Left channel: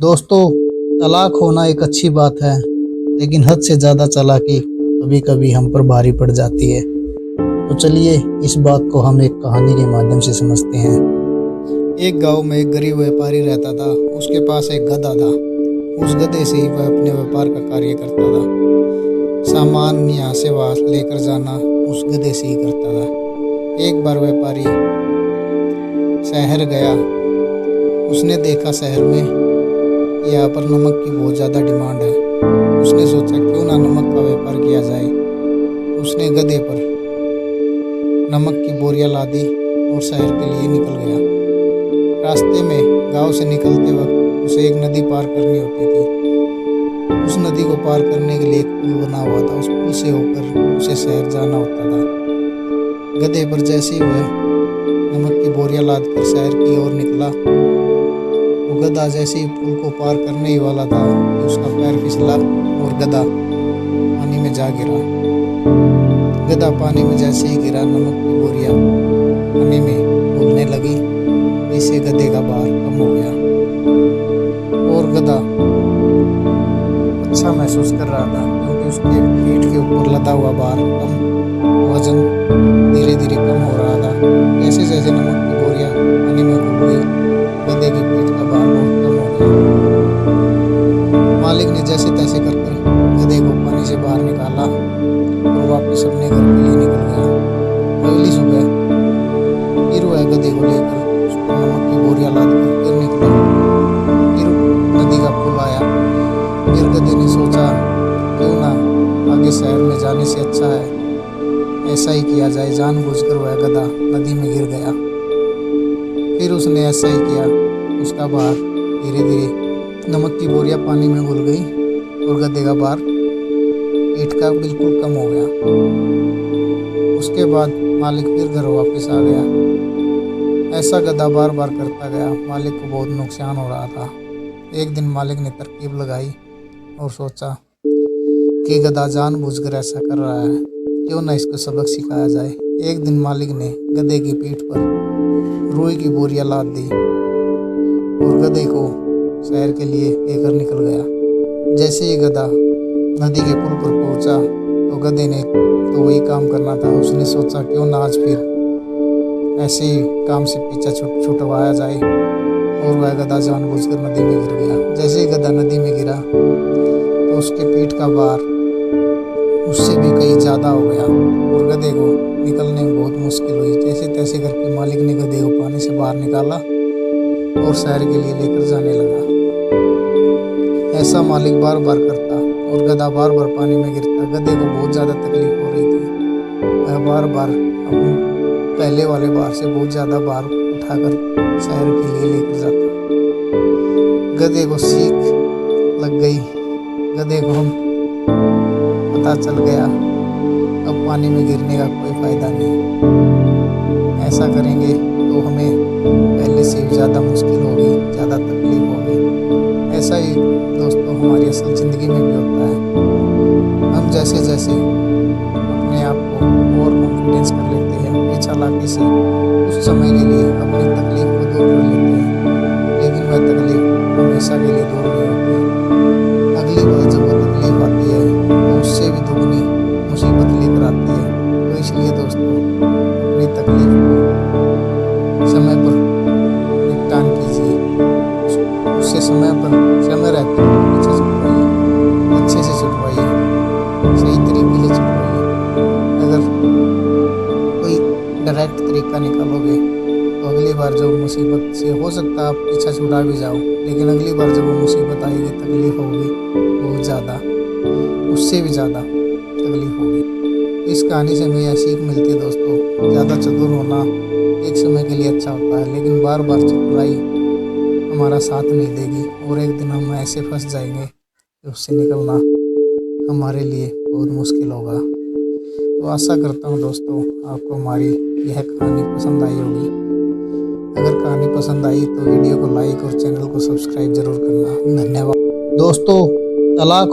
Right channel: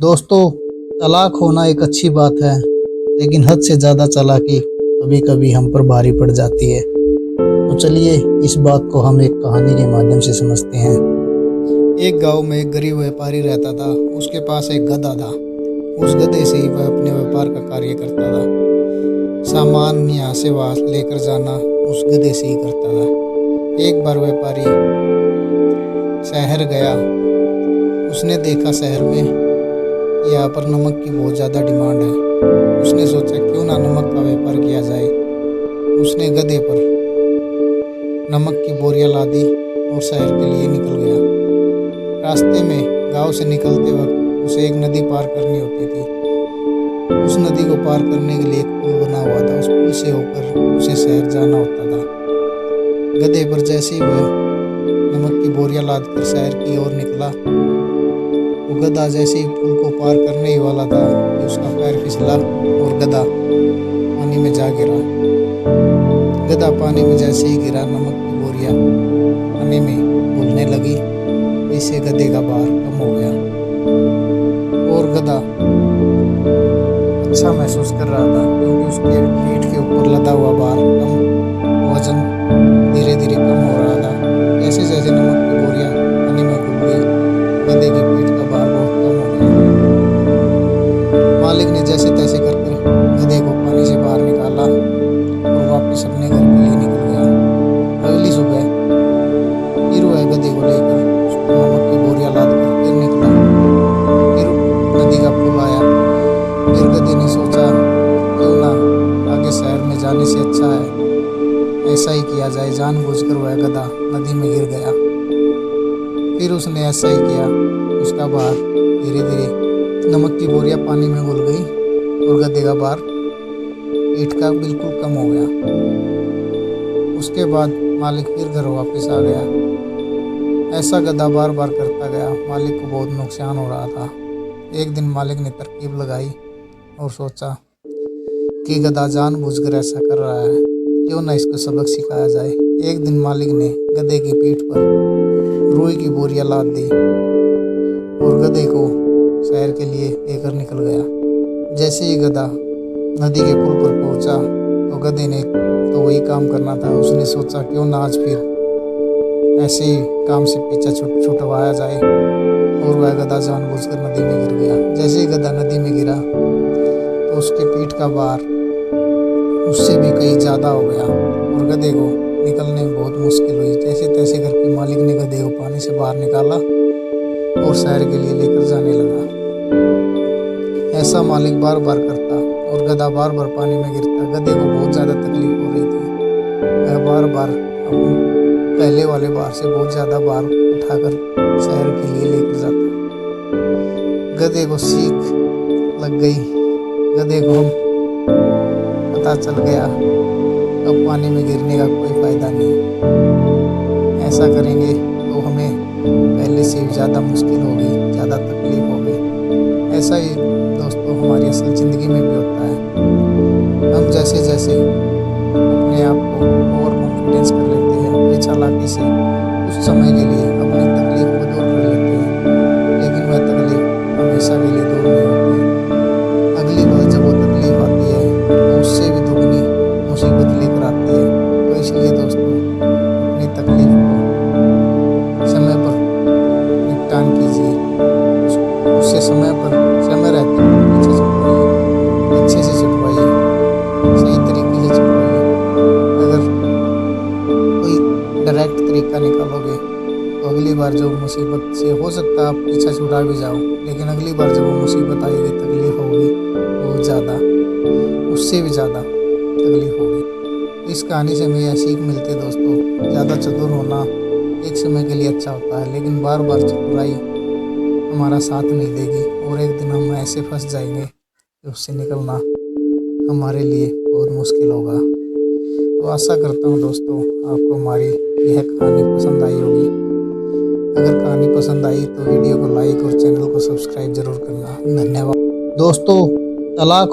दोस्तों, तलाक होना एक अच्छी बात है, लेकिन हद से ज़्यादा चालाकी कभी कभी हम पर भारी पड़ जाती है। तो चलिए इस बात को हम एक कहानी के माध्यम से समझते हैं। एक गांव में एक गरीब व्यापारी रहता था। उसके पास एक गधा था। उस गधे से ही वह अपने व्यापार का कार्य करता था। सामान यहाँ से वहाँ लेकर जाना उस गधे से ही करता था। एक बार व्यापारी शहर गया। उसने देखा शहर में यहाँ पर नमक की बहुत ज़्यादा डिमांड है। उसने सोचा क्यों ना नमक का व्यापार किया जाए। उसने गधे पर नमक की बोरियां लादी और शहर के लिए निकल गया। रास्ते में गांव से निकलते वक्त उसे एक नदी पार करनी होती थी। उस नदी को पार करने के लिए एक पुल बना हुआ था। उस पुल से होकर उसे शहर जाना होता था। गधे पर जैसे ही वह नमक की बोरियां लाद कर शहर की ओर निकला, वो गधा जैसे ही पुल को पार करने ही वाला था कि उसका पैर फिसला और गधा पानी में जा गिरा। गधा पानी में जैसे ही गिरा, नमक की बोरियां पानी में घुलने लगी। इससे गधे का भार कम हो गया और गधा अच्छा महसूस कर रहा था, क्योंकि उसके पीठ के ऊपर लदा हुआ भार कम, वजन धीरे धीरे कम हो रहा था। जैसे जैसे नमक की बोरियां पानी में घुल गई, गधे की पीठ का भार बहुत कम हो गया। मालिक ने जैसे तैसे कर गधे को पानी से बाहर निकाला और वापस अपने घर के लिए निकल गया। अगली सुबह फिर वह गधे को लेकर उस पर नमक की बोरियां लाद कर फिर निकला। फिर नदी का पुल आया। फिर गधे ने सोचा क्यों ना आगे शहर में जाने से अच्छा है ऐसा ही किया जाए। जानबूझकर वह गधा नदी में गिर गया। फिर उसने ऐसा ही किया। उसका भार धीरे धीरे नमक की बोरियां पानी में घुल गई और गधे का भार पीठ का बिल्कुल कम हो गया। उसके बाद मालिक फिर घर वापस आ गया। ऐसा गधा बार बार करता गया। मालिक को बहुत नुकसान हो रहा था। एक दिन मालिक ने तरकीब लगाई और सोचा कि गधा जानबूझकर ऐसा कर रहा है, क्यों ना इसको सबक सिखाया जाए। एक दिन मालिक ने गधे की पीठ पर रुई की बोरियां लाद दी और गधे को शहर के लिए लेकर निकल गया। जैसे ही गधा नदी के पुल पर पहुंचा तो गधे ने तो वही काम करना था। उसने सोचा क्यों ना आज फिर ऐसे ही काम से पीछा छुटवाया जाए और वह गधा जानबूझकर नदी में गिर गया। जैसे ही गधा नदी में गिरा तो उसके पीठ का भार उससे भी कहीं ज़्यादा हो गया और गधे को निकलने में बहुत मुश्किल हुई। जैसे तैसे करके मालिक ने गधे को पानी से बाहर निकाला और शहर के लिए लेकर जाने लगा। ऐसा मालिक बार बार करता और गधा बार बार पानी में गिरता। गधे को बहुत ज़्यादा तकलीफ हो रही थी। वह बार बार अपने पहले वाले भार से बहुत ज़्यादा भार उठाकर शहर के लिए लेकर जाता। गधे को सीख लग गई। गधे को हम पता चल गया अब पानी में गिरने का कोई फ़ायदा नहीं। ऐसा करेंगे तो हमें पहले से भी ज़्यादा मुश्किल होगी, ज़्यादा तकलीफ होगी। ऐसा ही दोस्तों हमारी असल ज़िंदगी में भी होता है। हम जैसे जैसे अपने आप को और कॉन्फिडेंस कर लेते हैं अपनी चालाकी से, उस समय के लिए अपनी तकलीफ को दूर कर लेते हैं, लेकिन वह तकलीफ हमेशा के लिए दूर नहीं होती। अगली बार जब वो तकलीफ आती है तो उससे भी दुगनी मुसीबत लेकर आती है। तो इसलिए दोस्तों अपनी तकलीफ को समय पर निपटान कीजिए। उससे समय रहते पीछे छुटवाइए, अच्छे से छुटवाइए, सही तरीके से छुटवाइए। अगर कोई डायरेक्ट तरीका निकालोगे तो अगली बार जो मुसीबत से हो सकता है आप पीछा छुड़ा भी जाओ, लेकिन अगली बार जब वो मुसीबत आएगी, तकलीफ होगी बहुत ज़्यादा, उससे भी ज़्यादा तकलीफ होगी। इस कहानी से हमें यह सीख मिलती है दोस्तों, ज़्यादा चतुर होना एक समय के लिए अच्छा होता है, लेकिन बार बार चतुराई हमारा साथ नहीं देगी और एक दिन हम ऐसे फंस जाएंगे कि उससे निकलना हमारे लिए बहुत मुश्किल होगा। तो आशा करता हूँ दोस्तों आपको हमारी यह कहानी पसंद आई होगी। अगर कहानी पसंद आई तो वीडियो को लाइक और चैनल को सब्सक्राइब जरूर करना। धन्यवाद दोस्तों। तलाक